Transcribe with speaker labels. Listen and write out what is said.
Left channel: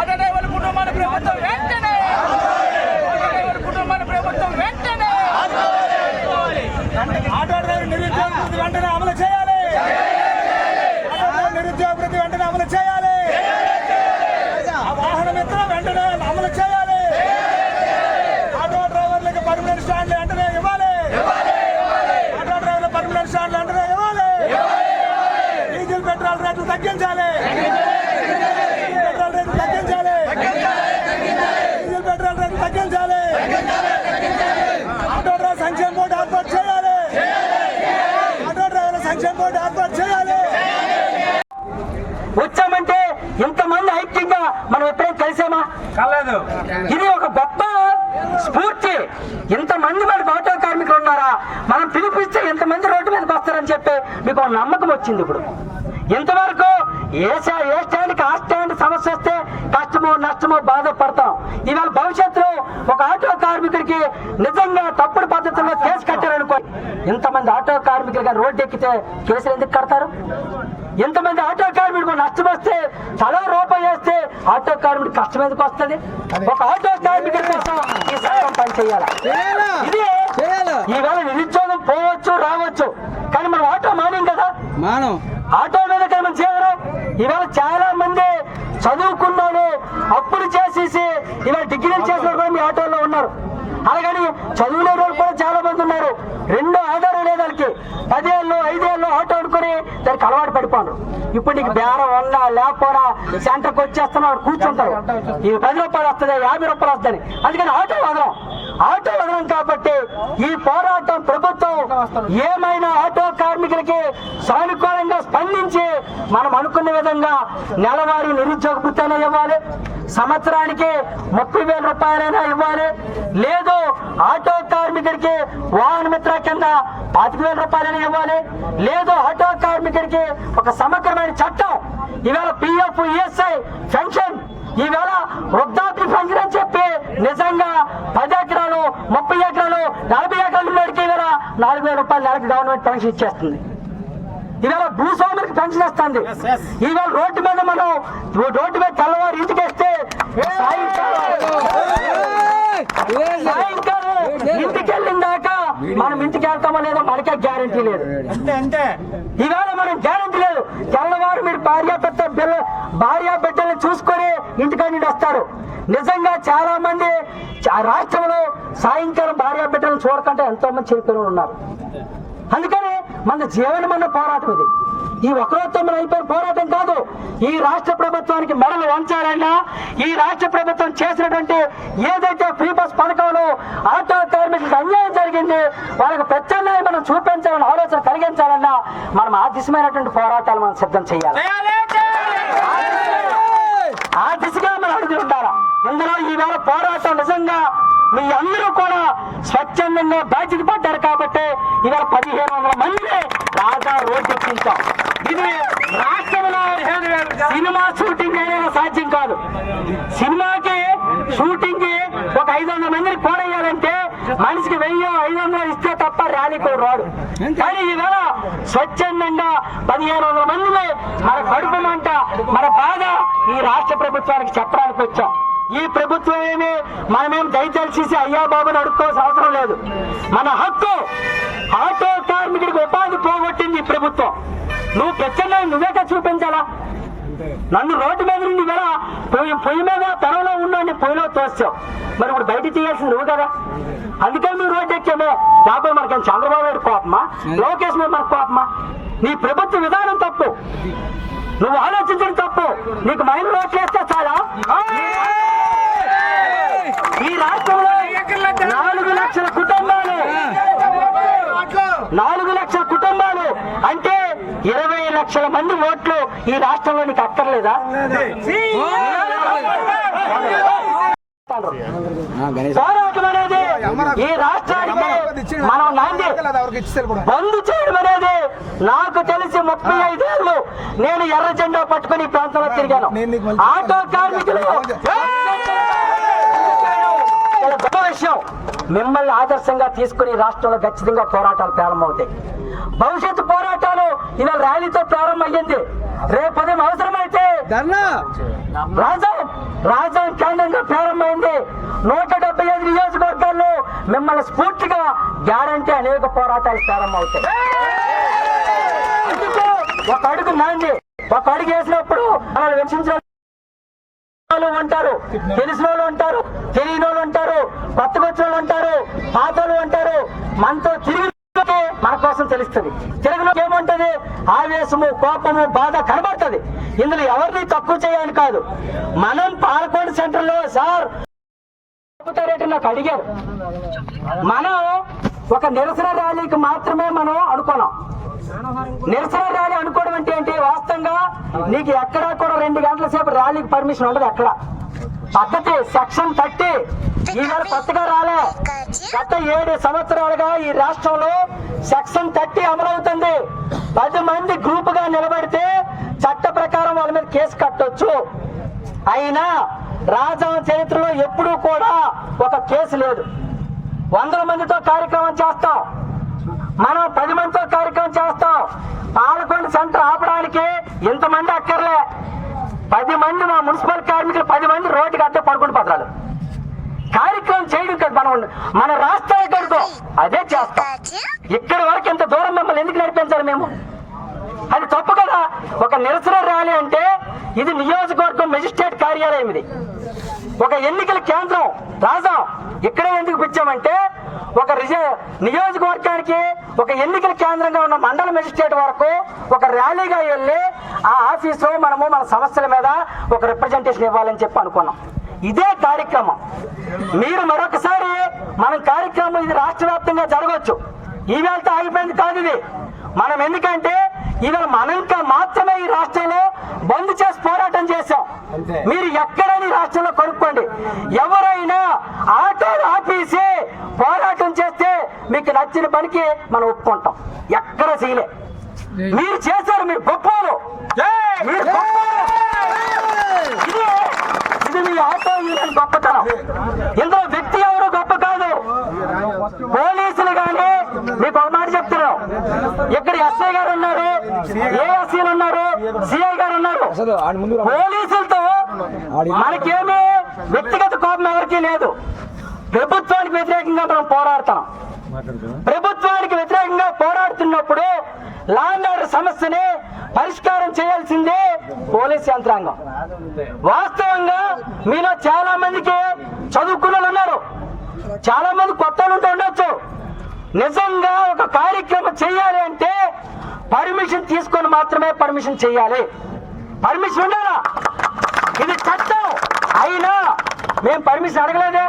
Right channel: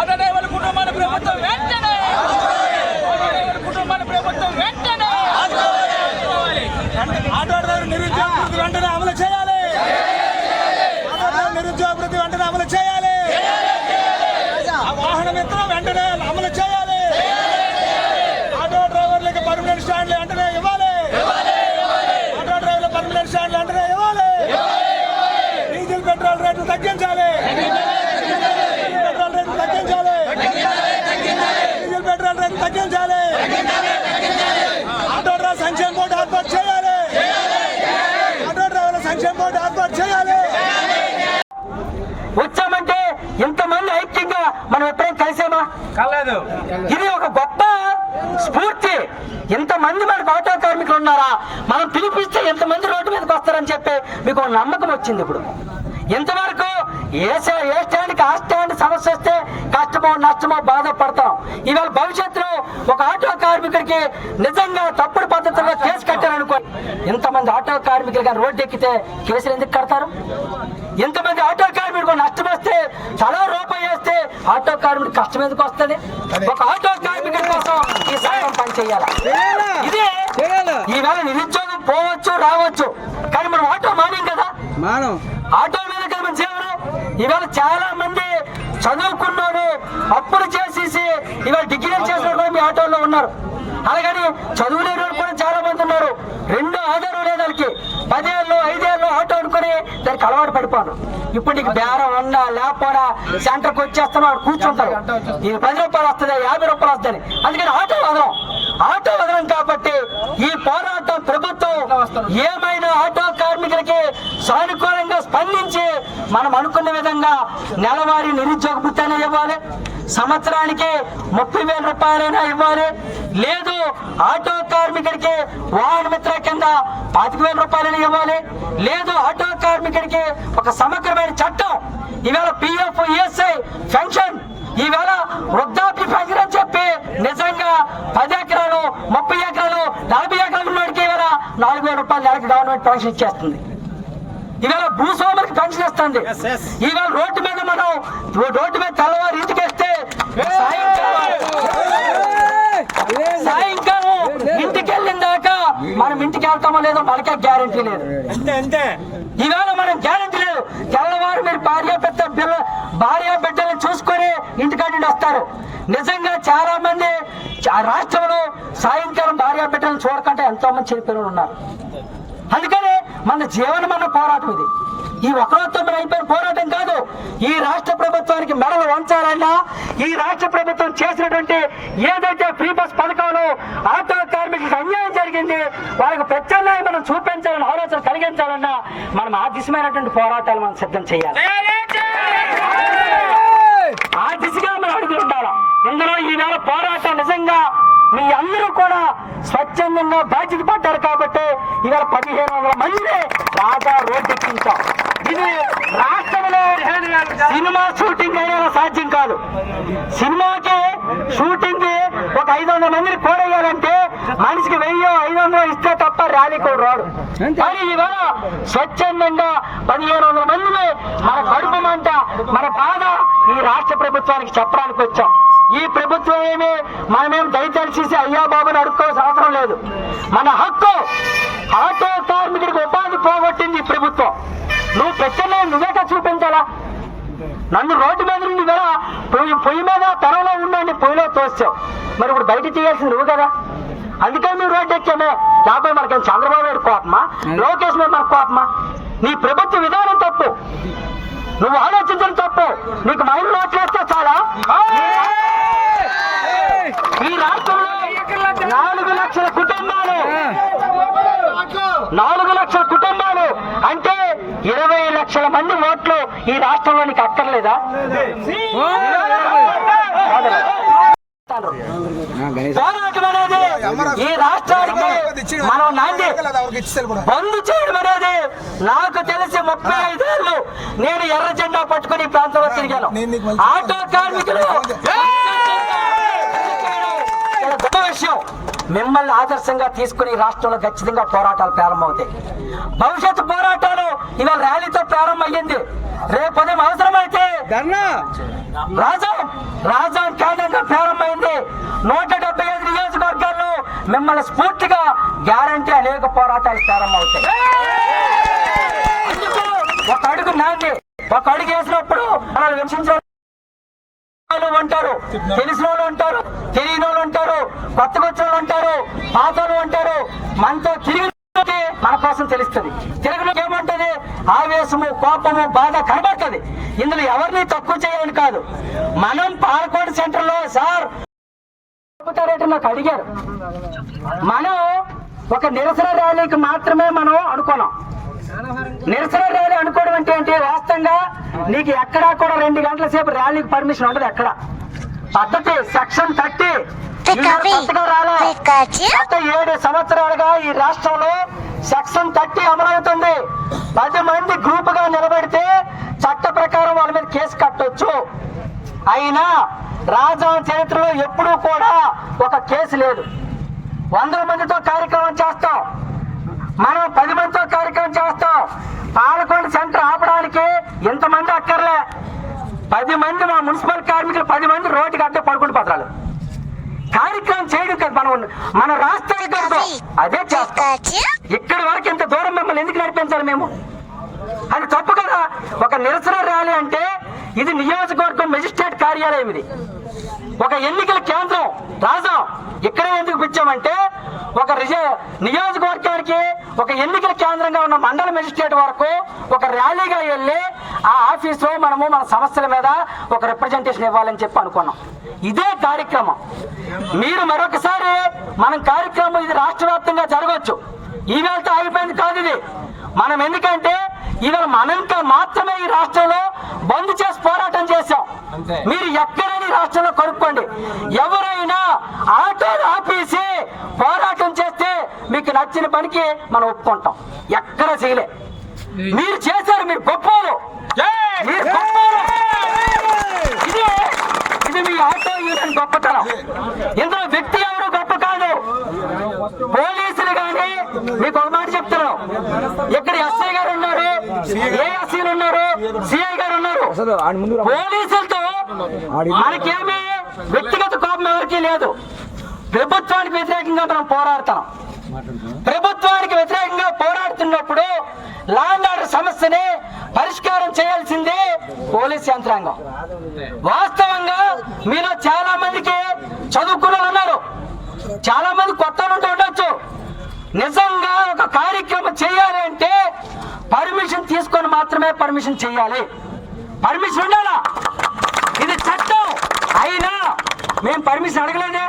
Speaker 1: Auto డ్రైవర్ల కుటుంబాన్ని ప్రభుత్వం వెంటనే ఆటో డ్రైవర్ల కుటుంబాన్ని ప్రభుత్వం వెంటనే
Speaker 2: ఆటో డ్రైవర్ నిరుద్యోగ వృత్తి వెంటనే అమలు చేయాలి. ఆటో డ్రైవర్ నిరుద్యోగ వృత్తి వెంటనే అమలు చేయాలి. ఆ వాహన మిత్రం వెంటనే అమలు చేయాలి. ఆటో డ్రైవర్లకు పర్మనెంట్ స్టాండ్లు వెంటనే ఇవ్వాలి. ఆటో డ్రైవర్ల పర్మనెంట్ స్టాండ్లు వెంటనే ఇవ్వాలి. డీజిల్ పెట్రోల్ రేట్లు తగ్గించాలి డీజిల్ పెట్రోల్ రేట్లు తగ్గించాలి డీజిల్ పెట్రోల్ రేట్లు తగ్గించాలి. ఆటో డ్రైవర్ సంక్షేమ బోర్డు ఏర్పాటు చేయాలి. ఆటో డ్రైవర్ల సంక్షేమ బోర్డు ఏర్పాటు చేయాలి.
Speaker 3: వచ్చామంటే ఇంతమంది ఐక్యంగా మనం ఎప్పుడైనా కలిసామా?
Speaker 2: కాలేదు.
Speaker 3: ఇది ఒక గొప్ప స్ఫూర్తి. ఇంతమంది మనకు ఆటో కార్మికులు ఉన్నారా? మనం పిలిపిస్తే ఎంతమంది రోడ్డు మీదకి వస్తారని చెప్పి మీకు ఒక నమ్మకం వచ్చింది ఇప్పుడు. ఇంతవరకు ఏ ఏ స్టాండ్కి ఆ స్టాండ్ సమస్య వస్తే కష్టమో నష్టమో బాధపడతాం. ఇవాళ భవిష్యత్తులో ఒక ఆటో కార్మికుడికి నిజంగా తప్పుడు పద్ధతుల్లో కేసు కట్టారనుకో ఇంతమంది ఆటో కార్మికులు కానీ రోడ్డు ఎక్కితే కేసులు ఎందుకు కడతారు? ఇంతమంది ఆటో కార్మికుడు నష్టం వస్తే తలా రూపాయి వేస్తే ఆటో కార్మికుడు కష్టం ఎందుకు వస్తుంది? ఒక ఆటో కార్మికుడి కోసం ఈ సంఘం పని చేయాలి? ఇదే. ఈవేళ నిరుద్యోగం పోవచ్చు రావచ్చు. కానీ మనం ఆటో మానేం కదా?
Speaker 4: మానం.
Speaker 3: ఆటో మీద కదా మన జీవనం ఇవాళ చాలా మంది చదువుకున్నోళ్ళు అప్పులు చేసేసి ఇవాళ డిగ్రీలు చేసిన కూడా మీ ఆటోలో ఉన్నారు. అలాగని చదువు లేని వాళ్ళు కూడా చాలా మంది ఉన్నారు. రెండో ఆధారం లేదు వాళ్ళకి. పదేళ్ళు ఐదేళ్ళు ఆటో అనుకుని దానికి అలవాటు పడిపోను. ఇప్పుడు నీకు బేరం ఉన్నా లేకపోయినా సెంటర్కి వచ్చేస్తున్నాడు కూర్చుంటాడు. ఈ పది రూపాయలు వస్తుంది యాభై రూపాయలు వస్తుంది. అందుకని ఆటో వదలం. ఆటో వదలం కాబట్టి ఈ పోరాటం ప్రభుత్వం ఏమైనా ఆటో కార్మికులకి సానుకూలంగా స్పందించి మనం అనుకున్న విధంగా నెలవారీ నిరుద్యోగ భృతైనా ఇవ్వాలి సంవత్సరానికి ముప్పై వేల రూపాయలైనా ఇవ్వాలి. లేదు ఆటో కార్మికుడికి వాహన మిత్ర కింద పాతిక వేల రూపాయలైనా ఇవ్వాలి. లేదు ఆటో కార్మికుడికి ఒక సమగ్రమైన చట్టం ఈవేళ పిఎఫ్ ఈఎస్ఐ పెన్షన్ ఈవేళ వృద్ధాప్య పెన్షన్ అని చెప్పి నిజంగా పది ఎకరాలు ముప్పై ఎకరాలు నలభై ఎకరాలు ఉన్నోడికి ఈవేళ నాలుగు వేల రూపాయలు నెలకి గవర్నమెంట్ పెన్షన్ ఇచ్చేస్తుంది. ఇవాళ భూస్వాములకు పెన్షన్ ఇస్తుంది ఇవాళ రోడ్డు మీద మనం రోడ్డు మీద తెల్లవారు ఇంటికి వేస్తే సాయంకాలం. ఇంటికి వెళ్ళిన దాకా మనం ఇంటికి వెళ్తామో లేదో మనకే గ్యారంటీ లేదు. ఇవాళ మనం గ్యారంటీ లేదు. తెల్లవారు మీరు భార్య పెద్ద పిల్ల భార్య బిడ్డలను చూసుకొని ఇంటికాడ నుండి వస్తారు. నిజంగా చాలా మంది రాష్ట్రంలో సాయంకాలం భార్య బిడ్డలను చూడకుండా ఎంతో మంది చనిపోయిన ఉన్నారు. మన జీవనం అన్న పోరాటం ఇది. ఈ ఒకరోజుతో మన అయిపోయిన పోరాటం కాదు ఈ రాష్ట్ర ప్రభుత్వానికి మెడలు వంచాలన్నా ఈ రాష్ట్ర ప్రభుత్వం చేసినటువంటి ఏదైతే ఫ్రీ బస్ పథకంలో ఆటో కార్మికులకు అన్యాయం జరిగింది వాళ్ళకి ప్రత్యామ్నాయం మనం చూపించాలని ఆలోచన కలిగించాలన్నా మనం ఆ దిశమైనటువంటి పోరాటాలు మనం సిద్ధం చేయాలి. ఆ దిశగా మనం అడుగులు ఉండాలా? ఇందులో ఈవేళ పోరాటం నిజంగా మీ అందరూ కూడా స్వచ్ఛందంగా బాధ్యత పడ్డారు కాబట్టి ఇవాళ పదిహేను వందల మందిని రాజా రోడ్డు ఎక్కించాం ఇది రాష్ట్రంలో సినిమా షూటింగ్ అయినా సాధ్యం కాదు. సినిమాకి షూటింగ్కి ఒక ఐదు వందల మందిని కోడేయాలంటే మనిషికి వెయ్యి ఐదు వందలు ఇస్తే తప్ప ర్యాలీ కూడా రాడు. కానీ ఈవేళ స్వచ్ఛందంగా పదిహేను వందల మందిని మన కడుపు మంట మన బాధ ఈ రాష్ట్ర ప్రభుత్వానికి చెప్పడానికి వచ్చాం. ఈ ప్రభుత్వం ఏమి మనమేం దయచేసి అయ్యా బాబుని అడుక్కోవాల్సిన అవసరం లేదు. మన హక్కు ఆటో కార్మికుడికి ఉపాధి పోగొట్టింది ఈ ప్రభుత్వం. నువ్వు ప్రత్యామ్నాయం నువ్వేగా చూపించాలా? నన్ను రోడ్డు మీద నుండి వేళ పొయ్యి పొయ్యి మీద పొలంలో ఉండండి పొయ్యిలో తోస్తావు. మరి ఇప్పుడు బయట చేయాల్సింది నువ్వు కదా. అందుకని నువ్వు రోడ్డు ఎక్కామే. లేకపోతే మనకి చంద్రబాబు నాయుడు కోపమా? లోకేష్ మీద మనకు కోపమా? నీ ప్రభుత్వ విధానం తప్పు. నువ్వు ఆలోచించడం తప్పు. నీకు మైండ్ ఓట్లు వేస్తే చాలా? ఈ రాష్ట్రంలో నాలుగు లక్షల కుటుంబాలు. నాలుగు లక్షల కుటుంబాలు. అంటే ఇరవై లక్షల మంది ఓట్లు ఈ రాష్ట్రంలో నీకు అక్కర్లేదా? పోరాటం అనేది ఈ రాష్ట్రానికి మనం నాంది. బంద్ చేయడం అనేది నాకు తెలిసి ముప్పై ఐదేళ్ళు నేను ఎర్ర జెండా పట్టుకుని ప్రాంతంలో తిరిగాను. ఆటో కార్మికులు. విషయం మిమ్మల్ని ఆదర్శంగా తీసుకుని రాష్ట్రంలో ఖచ్చితంగా పోరాటాలు ప్రారంభమవుతాయి. భవిష్యత్తు పోరాటాలు ఇవాళ ర్యాలీతో ప్రారంభమయ్యింది. రేపు ఉదయం అవసరమైతే రాజా రాజా కేంద్రంగా ప్రారంభమైంది. నూట డెబ్బై ఐదు నియోజకవర్గాల్లో మిమ్మల్ని స్ఫూర్తిగా గ్యారంటీ అనేక పోరాటాలు ప్రారంభమవుతాయి? ఒక అడుగు నాంది. ఒక అడుగు వేసినప్పుడు అలా వెంచించిన వాళ్ళు ఉంటారు తెలిసిన వాళ్ళు ఉంటారు తెలియని వాళ్ళు ఉంటారు కొత్తగా వచ్చిన వాళ్ళు ఉంటారు పాత వాళ్ళు ఉంటారు మనతో తిరిగి మన కోసం తెలుస్తుంది. తెలుగులోకి ఏమంటది? ఆవేశము కోపము బాధ కనబడుతుంది. ఇందులో ఎవరిని తక్కువ చేయాలని కాదు. మనం పాలకోడు సెంటర్లో సార్ చెబుతారంటే నాకు అడిగారు. మనం ఒక నిరసన ర్యాలీకి మాత్రమే మనం అనుకున్నాం. నిరసన ర్యాలీ అనుకోవడం అంటే ఏంటి? వాస్తవంగా నీకు ఎక్కడా కూడా రెండు గంటల సేపు ర్యాలీకి పర్మిషన్ ఉండదు ఎక్కడ. పద్ధతి సెక్షన్ థర్టీ. కొత్తగా రాలే. గత ఏడు సంవత్సరాలుగా ఈ రాష్ట్రంలో సెక్షన్ థర్టీ అమలవుతుంది. పది మంది గ్రూప్గా నిలబెడితే చట్ట ప్రకారం వాళ్ళ మీద కేసు కట్టొచ్చు. అయినా రాజా చరిత్రలో ఎప్పుడూ కూడా ఒక కేసు లేదు. వందల మందితో కార్యక్రమం చేస్తాం. మనం పది మందితో కార్యక్రమం చేస్తాం. పాలకొండ సెంటర్ ఆపడానికి ఇంతమంది అక్కర్లే. పది మంది మా మున్సిపల్ కార్మికులు పది మంది రోడ్డుకి అడ్డే పడుకుని పత్రాలు కార్యక్రమం చేయడం కదా మనం. మన రాష్ట్రానికి కాదు. అదే చేస్తాం. ఇక్కడి వరకు ఇంత దూరం మిమ్మల్ని ఎందుకు నడిపించాలి మేము? అది తప్పు కదా. ఒక నిరసన ర్యాలీ అంటే ఇది నియోజకవర్గం మెజిస్ట్రేట్ కార్యాలయం ఇది. ఒక ఎన్నికల కేంద్రం రాజా ఇక్కడే ఎందుకు పిచ్చామంటే ఒక నియోజకవర్గానికి ఒక ఎన్నికల కేంద్రంగా ఉన్న మండల మెజిస్ట్రేట్ వరకు ఒక ర్యాలీగా వెళ్ళి ఆ ఆఫీసులో మనము మన సమస్యల మీద ఒక రిప్రజెంటేషన్ ఇవ్వాలని చెప్పి అనుకున్నాం. ఇదే కార్యక్రమం. మీరు మరొకసారి మనం కార్యక్రమం ఇది రాష్ట్ర వ్యాప్తంగా జరగవచ్చు ఈవేళతో ఆగిపోయింది కాదు ఇది. మనం ఎందుకంటే ఇవాళ మనంక మాత్రమే ఈ రాష్ట్రంలో బంద్ చేసి పోరాటం చేశాం. మీరు ఎక్కడైనా రాష్ట్రంలో కనుక్కోండి. ఎవరైనా ఆటోలు ఆపేసి పోరాటం చేస్తే మీకు నచ్చిన పనికి మనం ఒప్పుకుంటాం. ఎక్కడ చేయలే. మీరు చేశారు మీరు గొప్పలు మీరు గొప్పోలు. ఇది ఇది మీ ఆటో యూనియన్ గొప్పతనం. ఇందులో వ్యక్తి ఎవరు గొప్ప కాదు. పోలీసులు గాని మీకు ఒక మాట చెప్తున్నాం ఇక్కడ ఎస్ఐ గారు ఉన్నారు. ఏఎస్సీలు ఉన్నారు? సిఐ గారు ఉన్నారు. పోలీసులతో మనకేమీ వ్యక్తిగత కోపం ఎవరికీ లేదు. ప్రభుత్వానికి వ్యతిరేకంగా మనం పోరాడతాం. ప్రభుత్వానికి వ్యతిరేకంగా పోరాడుతున్నప్పుడు లా అండ్ ఆర్డర్ సమస్యని పరిష్కారం చేయాల్సిందే పోలీస్ యంత్రాంగం. వాస్తవంగా మీలో చాలా మందికి చదువుకున్న ఉన్నారు. చాలా మంది కొత్త ఉండొచ్చు. నిజంగా ఒక కార్యక్రమం చేయాలి అంటే పర్మిషన్ తీసుకొని మాత్రమే పర్మిషన్ చేయాలి. పర్మిషన్ ఉండాలా? ఇది చట్టం. అయినా మేము పర్మిషన్ అడగలేదే.